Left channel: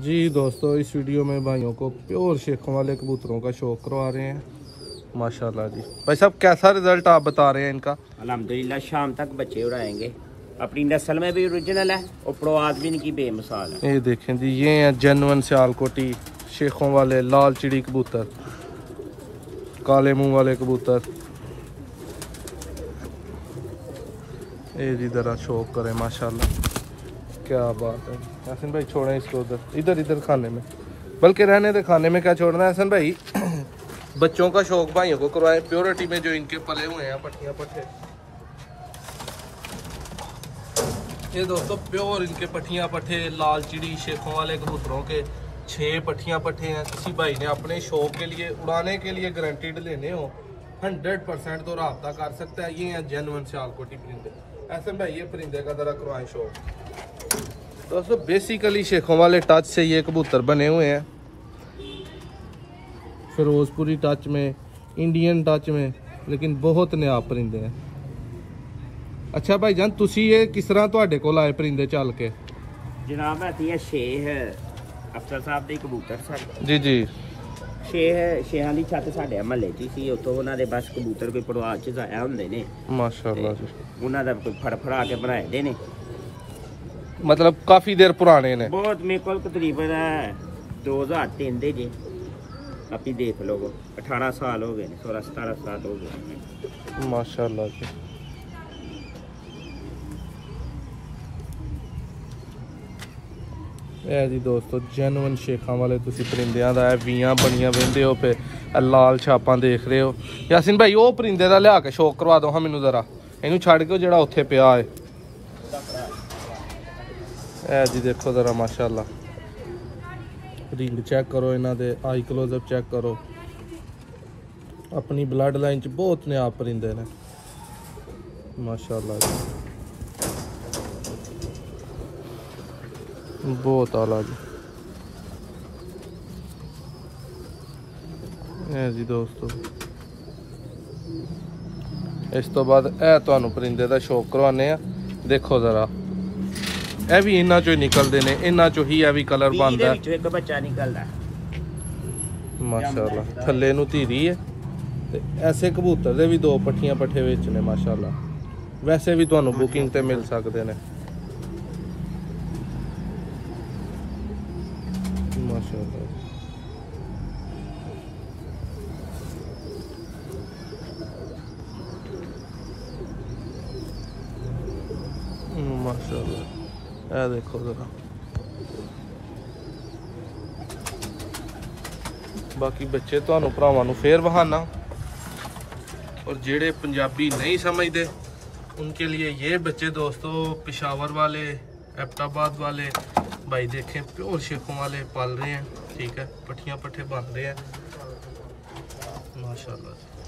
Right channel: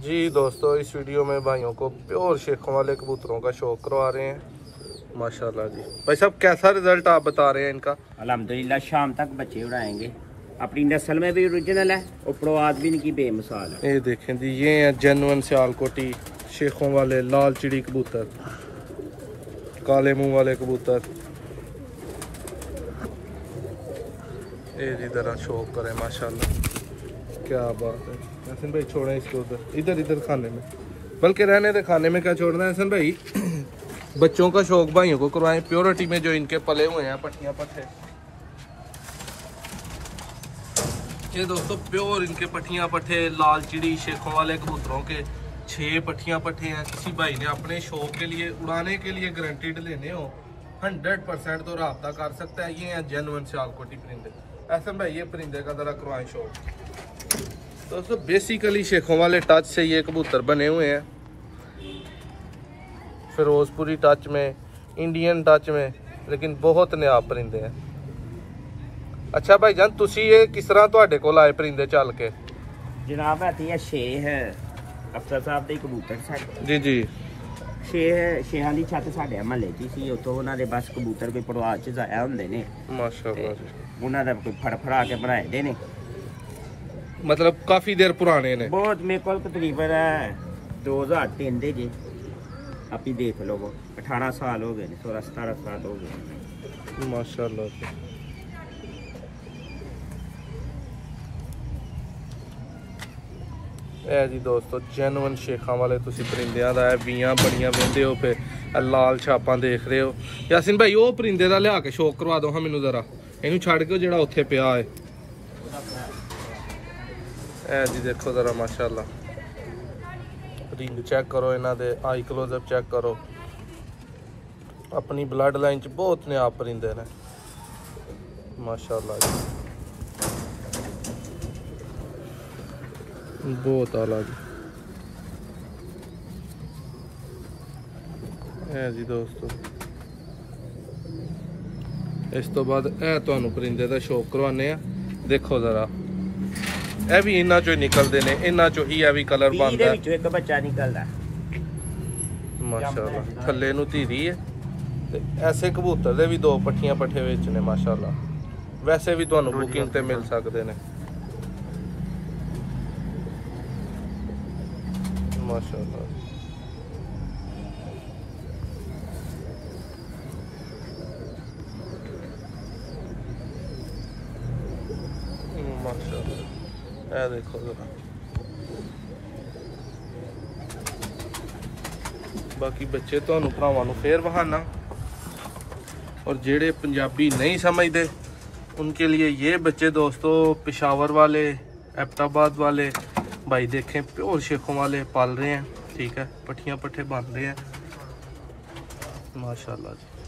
जी दोस्तों, इस वीडियो में भाइयों को प्योर शेखों वाले कबूतरों का शौक करवा रहे हैं। माशाल्लाह जी भाई साहब, कैसा रिजल्ट आप बता रहे हैं इनका? अल्हम्दुलिल्लाह शाम तक बच्चे उड़ाएंगे। अपनी नस्ल में भी ओरिजिनल है और प्रवाद भी इनकी बेमिसाल है। ये देखें जी, ये हैं जेन्युइन सियालकोटी शेखों वाले लाल चिड़ी कबूतर, काले मुंह वाले कबूतर। ये जी जरा शौक करें, माशाल्लाह क्या बात है। हसन भाई छोड़ें इसको उधर, इधर इधर खाने में, बल्कि रहने दे, खाने में क्या छोड़ना है हसन भाई। बच्चों का शौक भाइयों को करवाएं प्योरिटी में, जो इनके पले हुए हैं पट्टियां पट्टे। ये दोस्तों प्योर इनके पट्टियां पट्टे लाल चिड़ी शेखों वाले कबूतरों के 6 पट्टियां पट्टे हैं। किसी भाई ने अपने शौक के लिए उड़ाने के लिए गारंटीड लेने हो 100% तो रब्ता कर सकता है। ये हैं जेन्युइन सियालकोटी परिंदे। ऐसा भाई ये परिंदे का जरा करवाएं शौक। दोस्तों बेसिकली शेखों वाले टच से ये कबूतर बने हुए हैं, फिरोजपुरी टच में, इंडियन टच में, लेकिन बहुत नायाब परिंदे हैं। अच्छा भाई जान, तुसी ये किस तरह तुहाडे कोल आए परिंदे चल के? जनाब है शेह अफसर साहब ਦੇ कबूतर सर जी जी। शेहां ਦੀ ਛੱਤ ਸਾਡੇ ਮਹੱਲੇ 'ਚ ਸੀ। ਉੱਥੋਂ ਉਹਨਾਂ ਦੇ ਬਸ ਕਬੂतर ਕੋਈ ਪਰਵਾਜ਼ 'ਚ ਜਾਇਆ ਹੁੰਦੇ ਨੇ। माशाल्लाह। ਉਹਨਾਂ ਦਾ ਕੋਈ ਫੜਾ ਕੇ ਬਣਾਏ ਦੇ ਨੇ। मतलब काफी देर पुराने ने? बहुत मेरे को तकरीबन 2003 दे जे आप ही देख लो, 18 साल हो गए, 16-17 साल हो गए माशाल्लाह जी। ए जी दोस्तों जेन्युइन शेखा वाले तुसी परिंदियां दा वीयां बड़ियां विंदे हो पे लाल छापां देख रहे हो। यासीन भाई वो परिंदे दा लिया के शौक करवा दो हाँ मैनू जरा, इनू छड़ के जेड़ा उत्थे पिया है। ए जी देखो जरा माशाल्लाह, रिंग चेक करो, इन्हां दे आई क्लोजअप चेक करो। अपनी ब्लड लाइन च बहुत नायाब परिंदे ने माशाल्लाह, बहुत आला जी। ए जी दोस्तों इस तो बाद ए तुहानू परिंदे दा शौक करवाने आ। देखो जरा ਇਹ ਵੀ ਇਹਨਾਂ ਚੋਂ ਨਿਕਲਦੇ ਨੇ, ਇਹਨਾਂ ਚੋਂ ਹੀ ਇਹ ਵੀ ਕਲਰ ਬਣਦਾ ਹੈ। ਇੱਕ ਬੱਚਾ ਨਿਕਲਦਾ ਮਾਸ਼ਾਅੱਲਾ, ਥੱਲੇ ਨੂੰ ਧੀਰੀ ਹੈ ਤੇ ਐਸੇ ਕਬੂਤਰ ਦੇ ਵੀ 2 ਪੱਠੀਆਂ ਪੱਠੇ ਵਿੱਚ ਨੇ ਮਾਸ਼ਾਅੱਲਾ। ਵੈਸੇ ਵੀ ਤੁਹਾਨੂੰ ਬੁਕਿੰਗ ਤੇ ਮਿਲ ਸਕਦੇ ਨੇ ਮਾਸ਼ਾਅੱਲਾ। ਇਹ ਦੇਖੋ ਜਰਾ, बाकी बच्चे तुहानू भरावां नू फिर बहाना। और जेड़े पंजाबी नहीं समझते उनके लिए ये बच्चे दोस्तों पेशावर वाले, एबटाबाद वाले भाई देखें प्योर शेखों वाले पाल रहे हैं। ठीक है, पट्टियां पट्ठे बांध रहे हैं माशाल्लाह जी।